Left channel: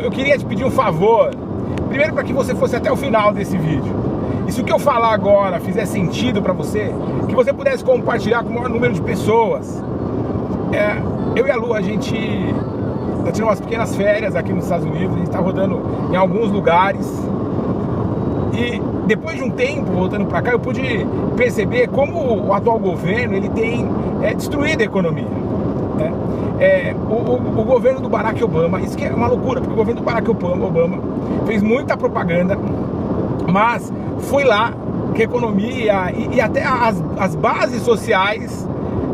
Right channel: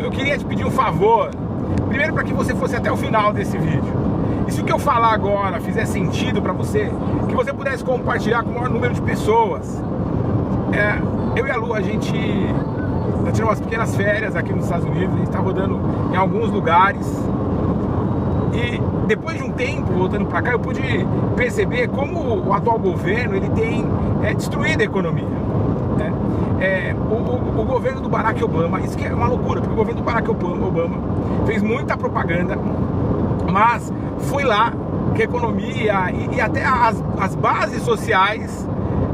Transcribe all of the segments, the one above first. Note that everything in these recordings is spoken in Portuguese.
eu queria te pedir um favor. Primeiro, para que você fosse até o final desse vídeo. E se o que eu falar agora fizer sentido para você, que você pudesse compartilhar com o maior número de pessoas. Eu e a Lu, a gente tá tirando umas pequenas férias aqui nos Estados Unidos. A gente tá rodando em alguns lugares. E depois de um tempo, voltando para cá, eu pude perceber como o atual governo ele tem destruído a economia. O governo do Barack Obama, isso que é uma loucura, porque o governo do Barack Obama fez muita propaganda, mas foi lá que a economia e até as bases sociais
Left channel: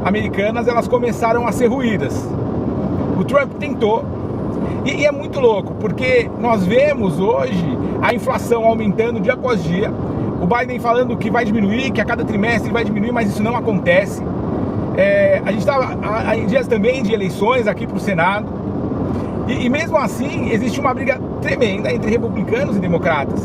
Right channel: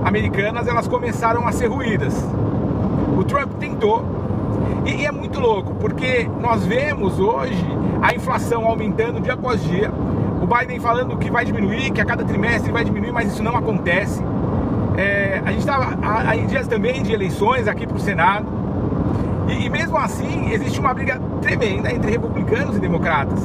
americanas, elas começaram a ser ruídas. O Trump tentou, e é muito louco, porque nós vemos hoje a inflação aumentando dia após dia, o Biden falando que vai diminuir, que a cada trimestre vai diminuir, mas isso não acontece. A gente estava em dias também de eleições aqui para o Senado, e mesmo assim existe uma briga tremenda entre republicanos e democratas.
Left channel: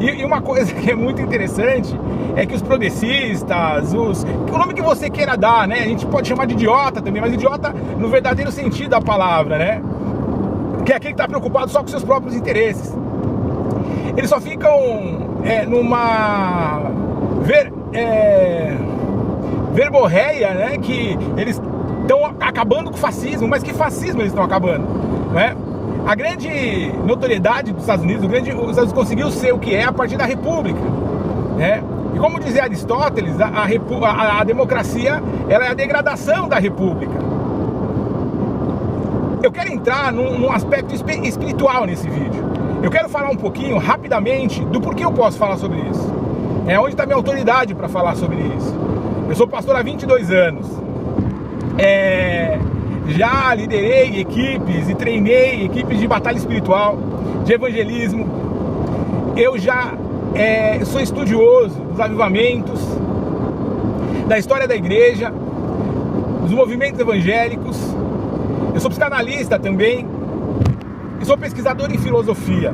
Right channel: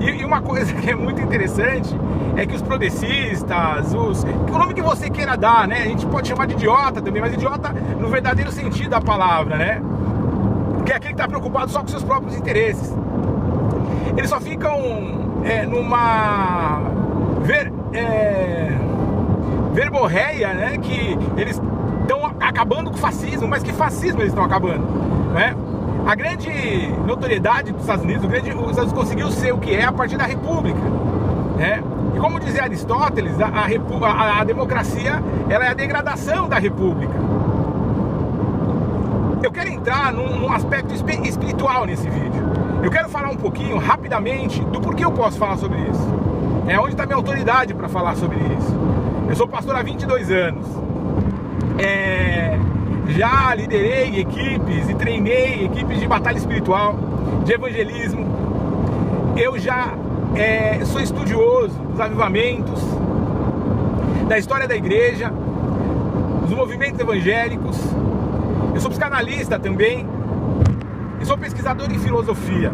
E uma coisa que é muito interessante é que os progressistas, o nome que você queira dar, né? A gente pode chamar de idiota também, mas idiota no verdadeiro sentido da palavra, né? Que é aquele que está preocupado só com seus próprios interesses. Eles só ficam numa verborreia, né? Que eles estão acabando com o fascismo, mas que fascismo eles estão acabando, né? A grande notoriedade dos Estados Unidos, os Estados Unidos conseguiu ser o que é a partir da República, né? E como dizia Aristóteles, a democracia, ela é a degradação da República. Eu quero entrar num aspecto espiritual nesse vídeo. Eu quero falar um pouquinho, rapidamente, do porquê eu posso falar sobre isso. Onde está minha autoridade para falar sobre isso. Eu sou pastor há 22 anos. Já liderei equipes e treinei equipes de batalha espiritual, de evangelismo. Eu já sou estudioso dos avivamentos, da história da igreja, dos movimentos evangélicos. Eu sou psicanalista também e sou pesquisador em filosofia.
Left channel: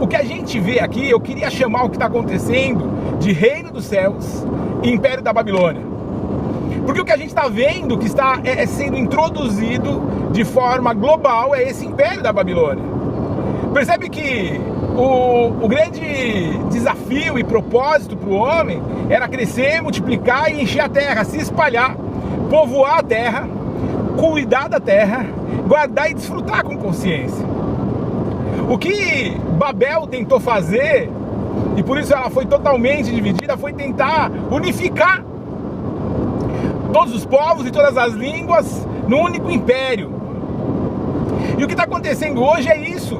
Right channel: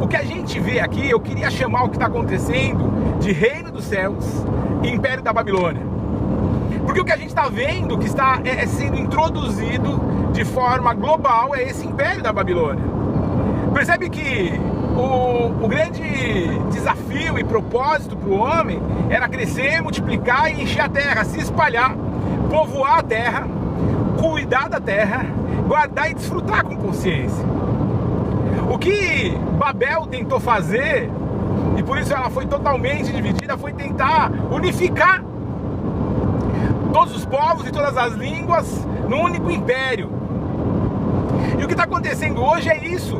O que a gente vê aqui, eu queria chamar o que está acontecendo de reino dos céus e império da Babilônia. Porque o que a gente está vendo que está sendo introduzido de forma global é esse império da Babilônia. Percebe que o grande desafio e propósito para o homem era crescer, multiplicar e encher a terra, se espalhar, povoar a terra, cuidar da terra, guardar e desfrutar com consciência. O que Babel tentou fazer, e por isso ela foi totalmente dividida, foi tentar unificar todos os povos e todas as línguas num único império. E o que está acontecendo hoje é isso,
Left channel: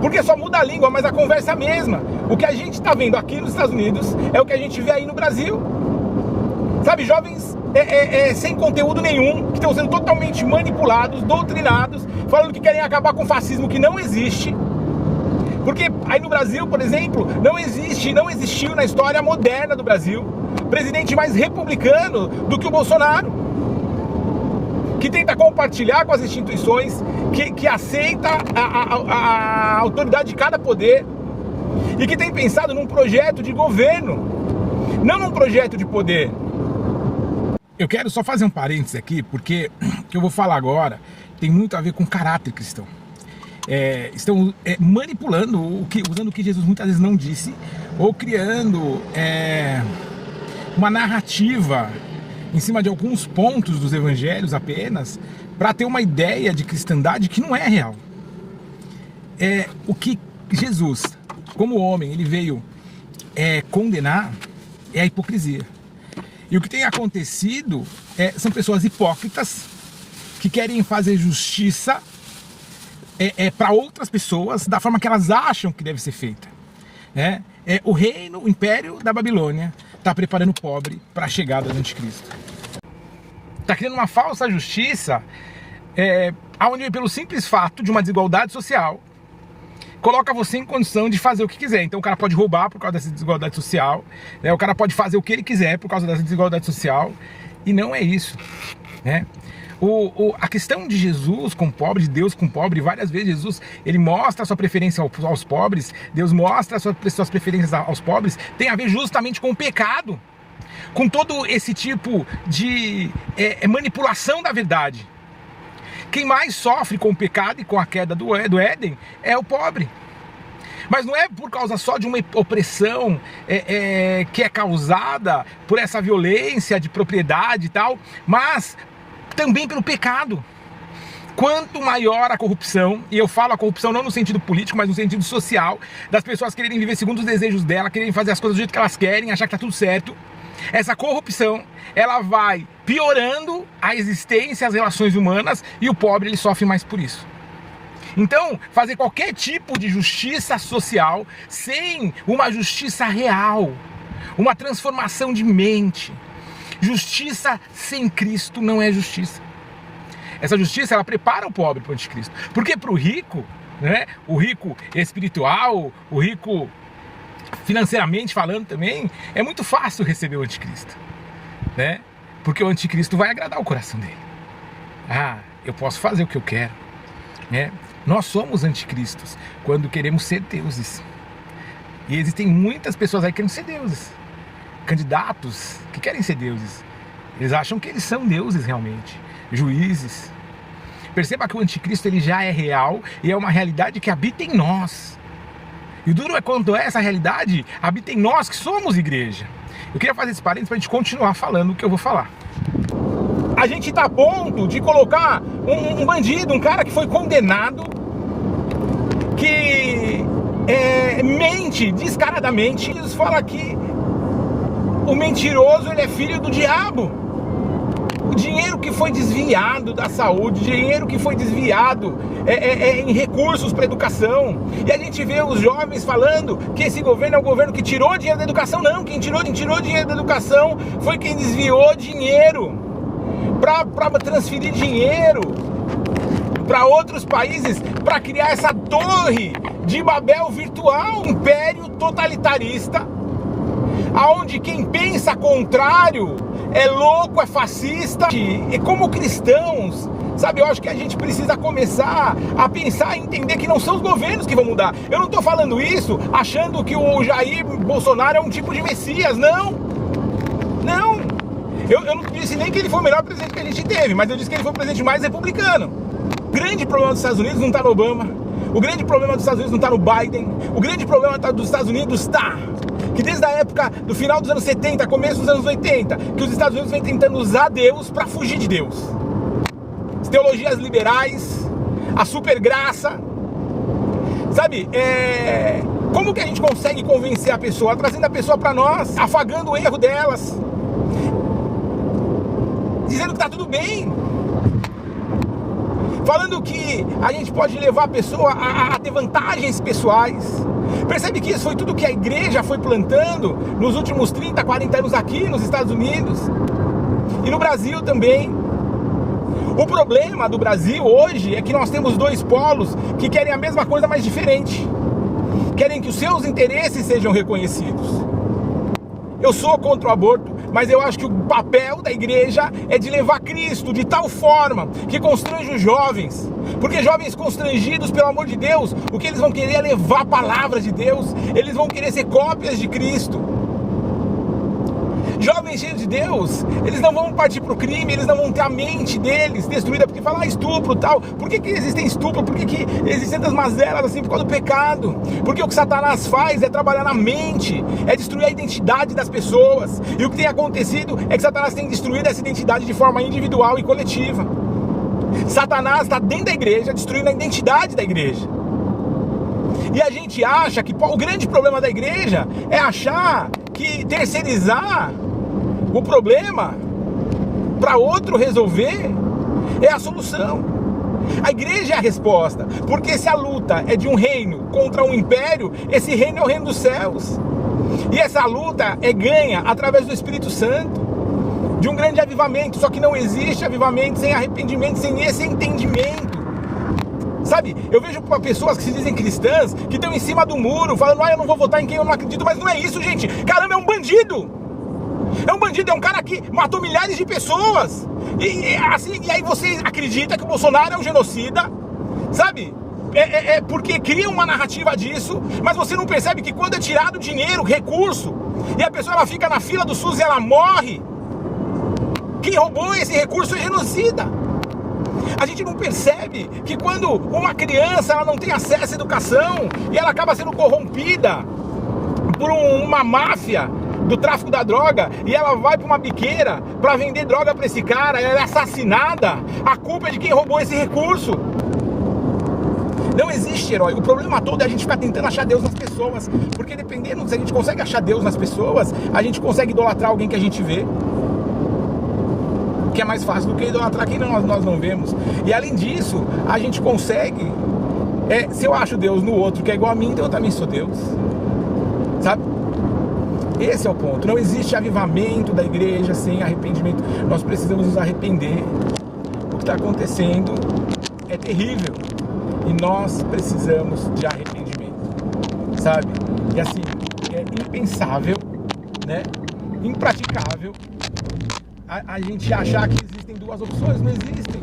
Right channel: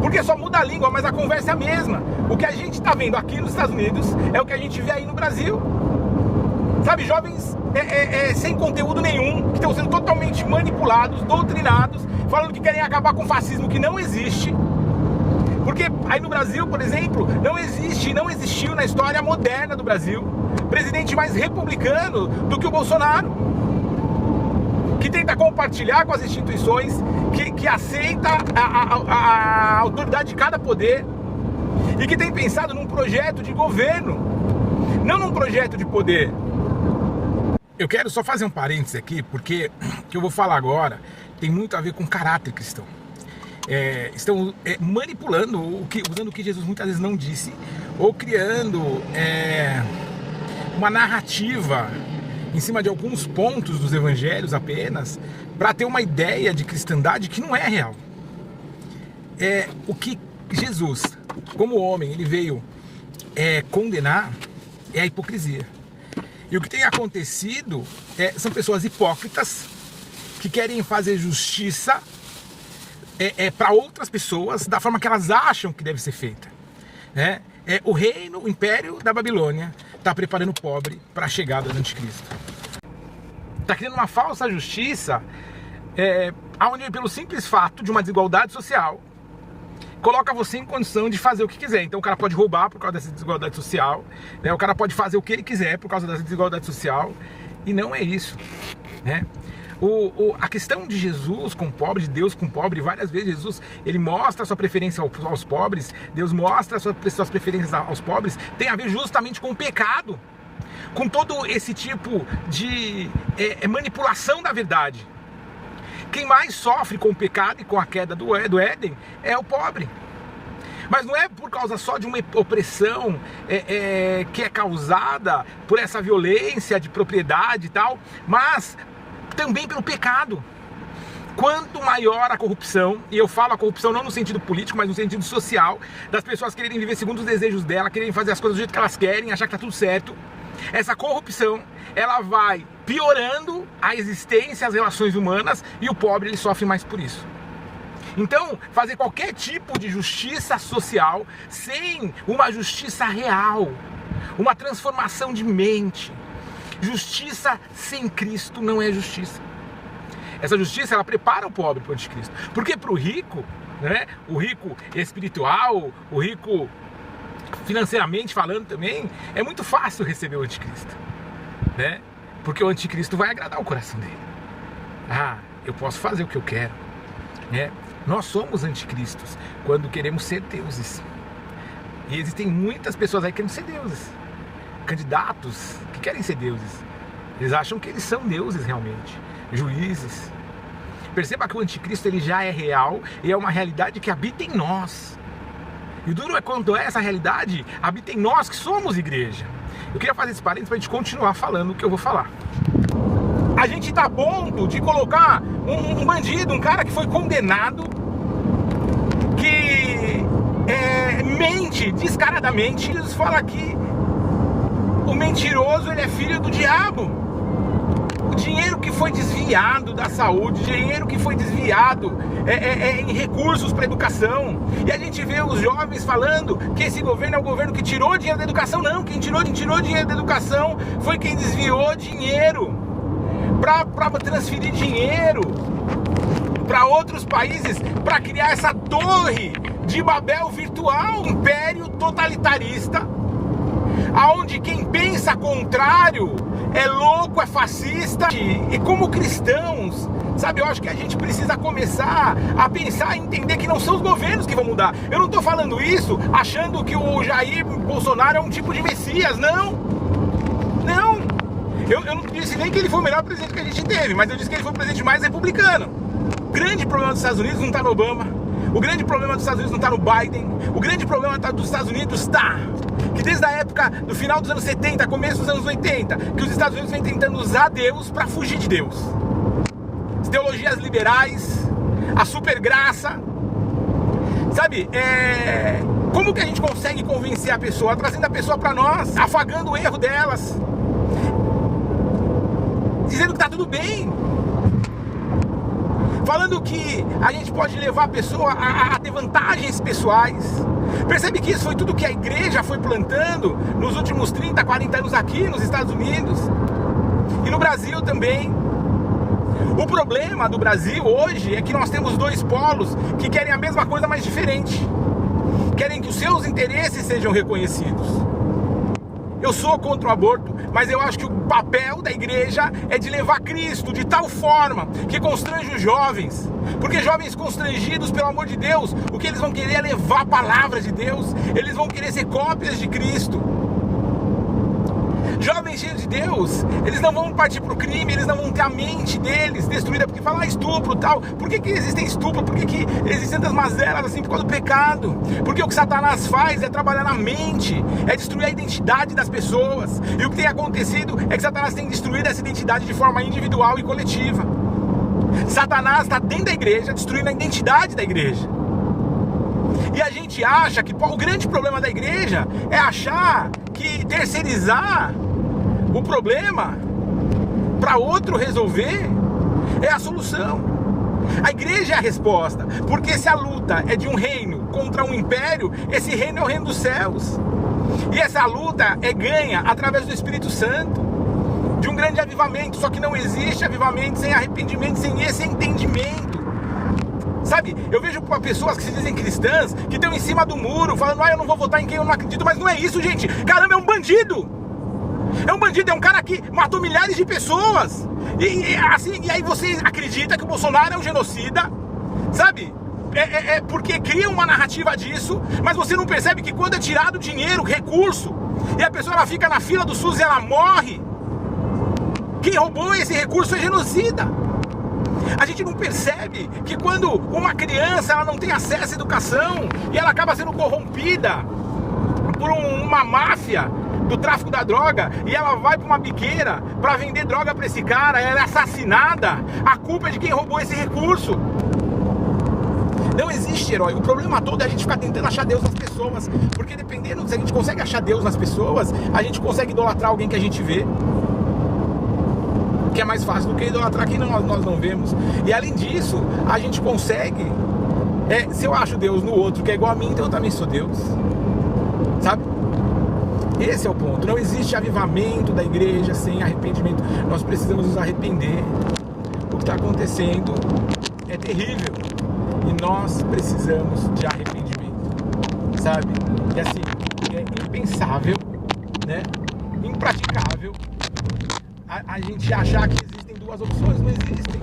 porque só muda a língua, mas a conversa é a mesma. O que a gente está vendo aqui nos Estados Unidos é o que a gente vê aí no Brasil. Sabe, jovens sem conteúdo nenhum, que estão sendo totalmente manipulados, doutrinados, falando que querem acabar com o fascismo, que não existe. Porque aí no Brasil, por exemplo, não existiu na história moderna do Brasil presidente mais republicano do que o Bolsonaro, que tenta compartilhar com as instituições, que aceita a autoridade de cada poder e que tem pensado num projeto de governo, não num projeto de poder. Eu quero só fazer um parênteses aqui, porque o que eu vou falar agora tem muito a ver com caráter cristão. Estão manipulando, usando o que Jesus muitas vezes não disse, ou criando uma narrativa em cima de alguns pontos dos evangelhos apenas, para ter uma ideia de cristandade que não é real. O que Jesus, como homem, ele veio condenar é a hipocrisia. E o que tem acontecido são pessoas hipócritas que querem fazer justiça para outras pessoas da forma que elas acham que deve ser feita. O reino, o império da Babilônia está preparando o pobre para a chegada do anticristo. Está criando uma falsa justiça, onde pelo simples fato de uma desigualdade social, coloca você em condição de fazer o que quiser. Então o cara pode roubar por causa dessa desigualdade social, o cara pode fazer o que ele quiser por causa dessa desigualdade social, e não é isso, A questão de Jesus com o pobre, de Deus com o pobre, várias vezes Jesus, ele mostra a sua preferência aos pobres, Deus mostra as suas preferências aos pobres, tem a ver justamente com o pecado, com todo esse tipo de manipulação da verdade. Quem mais sofre com o pecado e com a queda do Éden é o pobre. Mas não é por causa só de uma opressão que é causada por essa violência de propriedade e tal, mas também pelo pecado. Quanto maior a corrupção, e eu falo a corrupção não no sentido político, mas no sentido social, das pessoas quererem viver segundo os desejos dela, quererem fazer as coisas do jeito que elas querem, achar que tá tudo certo, essa corrupção, ela vai piorando a existência, as relações humanas, e o pobre ele sofre mais por isso. Então, fazer qualquer tipo de justiça social sem uma justiça real, uma transformação de mente, justiça sem Cristo não é justiça. Essa justiça, ela prepara o pobre para o anticristo. Porque para o rico, né, o rico espiritual, o rico financeiramente falando também, é muito fácil receber o anticristo, né? Porque o anticristo vai agradar o coração dele. Ah, eu posso fazer o que eu quero, né? Nós somos anticristos quando queremos ser deuses. E existem muitas pessoas aí que querem ser deuses. Candidatos que querem ser deuses. Eles acham que eles são deuses realmente. Juízes. Perceba que o anticristo ele já é real e é uma realidade que habita em nós. E o duro é quando essa realidade habita em nós que somos igreja. Eu queria fazer esse parênteses para a gente continuar falando o que eu vou falar. A gente está a ponto de colocar um bandido, um cara que foi condenado, que mente descaradamente. Jesus fala que o mentiroso ele é filho do diabo. O dinheiro que foi desviado da saúde, dinheiro que foi desviado em recursos para educação. E a gente vê os jovens falando que esse governo é o governo que tirou dinheiro da educação. Não, quem tirou dinheiro da educação foi quem desviou dinheiro para transferir dinheiro para outros países, para criar essa torre de Babel virtual, império totalitarista, aonde quem pensa contrário é louco, é fascista. E como cristãos, sabe, eu acho que a gente precisa começar a pensar e entender que não são os governos que vão mudar. Eu não estou falando isso achando que o Jair Bolsonaro é um tipo de Messias, não. Eu não disse nem que ele foi o melhor presidente que a gente teve, mas eu disse que ele foi o presidente mais republicano. O grande problema dos Estados Unidos não está no Obama. O grande problema dos Estados Unidos não está no Biden. O grande problema dos Estados Unidos está que desde a época do final dos anos 70, começo dos anos 80, que os Estados Unidos vem tentando usar Deus para fugir de Deus. As teologias liberais, a super graça, sabe? Como que a gente consegue convencer a pessoa? Trazendo a pessoa para nós, afagando o erro delas, dizendo que tá tudo bem, falando que a gente pode levar a pessoa a ter vantagens pessoais. Percebe que isso foi tudo que a igreja foi plantando nos últimos 30, 40 anos aqui nos Estados Unidos e no Brasil também. O problema do Brasil hoje é que nós temos dois polos que querem a mesma coisa, mas diferente. Querem que os seus interesses sejam reconhecidos. Eu sou contra o aborto, mas eu acho que o papel da igreja é de levar Cristo de tal forma que constrange os jovens. Porque jovens constrangidos, pelo amor de Deus, o que eles vão querer é levar a palavra de Deus. Eles vão querer ser cópias de Cristo. Jovens cheios de Deus, eles não vão partir para o crime, eles não vão ter a mente deles destruída, porque falar estupro e tal. Por que existem estupro? Por que existem tantas mazelas assim? Por causa do pecado. Porque o que Satanás faz é trabalhar na mente, é destruir a identidade das pessoas. E o que tem acontecido é que Satanás tem destruído essa identidade de forma individual e coletiva. Satanás está dentro da igreja, destruindo a identidade da igreja. E a gente acha que o grande problema da igreja é achar que terceirizar o problema para outro resolver é a solução. A igreja é a resposta, porque se a luta é de um reino contra um império, esse reino é o reino dos céus. E essa luta é ganha através do Espírito Santo, de um grande avivamento. Só que não existe avivamento sem arrependimento, sem esse entendimento. Sabe, eu vejo pessoas que se dizem cristãs, que estão em cima do muro, falando, eu não vou votar em quem eu não acredito, mas não é isso, gente. Caramba, é um bandido. É um bandido, é um cara que matou milhares de pessoas. E aí você acredita que o Bolsonaro é um genocida, sabe? Porque cria uma narrativa disso, mas você não percebe que quando é tirado dinheiro, recurso, e a pessoa ela fica na fila do SUS e ela morre, quem roubou esse recurso é genocida. A gente não percebe que quando uma criança ela não tem acesso à educação e ela acaba sendo corrompida por uma máfia do tráfico da droga e ela vai para uma biqueira para vender droga para esse cara, ela é assassinada, a culpa é de quem roubou esse recurso. Não existe herói. O problema todo é a gente ficar tentando achar Deus nas pessoas, porque dependendo se a gente consegue achar Deus nas pessoas, a gente consegue idolatrar alguém que a gente vê, que é mais fácil do que idolatrar quem nós não vemos. E além disso, a gente consegue, se eu acho Deus no outro que é igual a mim, então eu também sou Deus, sabe? Esse é o ponto. Não existe avivamento da igreja sem arrependimento. Nós precisamos nos arrepender. O que está acontecendo é terrível e nós precisamos de arrependimento, sabe? E assim, é impensável, né? Impraticável a gente achar que existem duas opções. Não existem,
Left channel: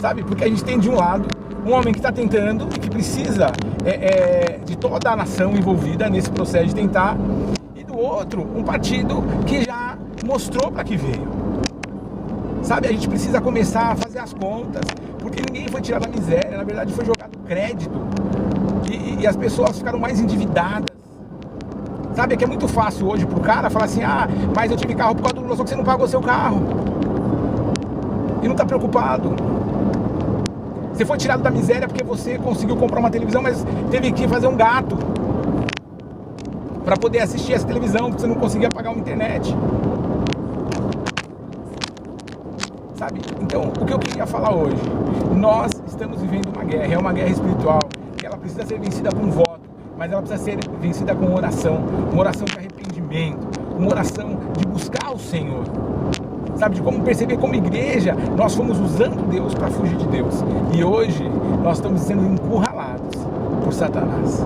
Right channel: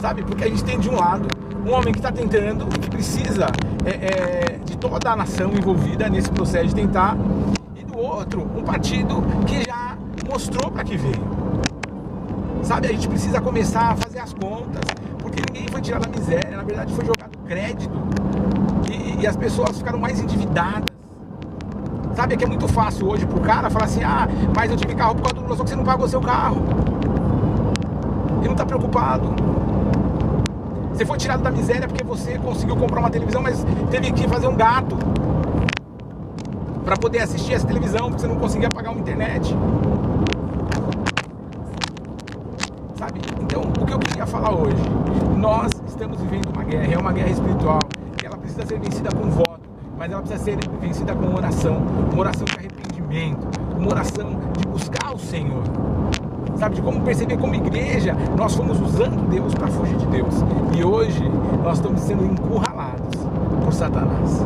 sabe? Porque a gente tem de um lado um homem que está tentando, que precisa de toda a nação envolvida nesse processo de tentar, e do outro um partido que já mostrou para que veio, sabe? A gente precisa começar a fazer as contas, porque ninguém foi tirado da miséria, na verdade foi jogado crédito e as pessoas ficaram mais endividadas. Sabe, é que é muito fácil hoje pro cara falar assim, mas eu tive carro por causa do Lula, só que você não pagou seu carro. E não tá preocupado. Você foi tirado da miséria porque você conseguiu comprar uma televisão, mas teve que fazer um gato para poder assistir essa televisão, porque você não conseguia pagar uma internet. Sabe? Então, o que eu queria falar hoje, nós estamos vivendo uma guerra, é uma guerra espiritual, que ela precisa ser vencida com voto, mas ela precisa ser vencida com oração, uma oração de arrependimento, uma oração de buscar o Senhor, sabe, de como perceber como igreja nós fomos usando Deus para fugir de Deus, e hoje nós estamos sendo encurralados por Satanás.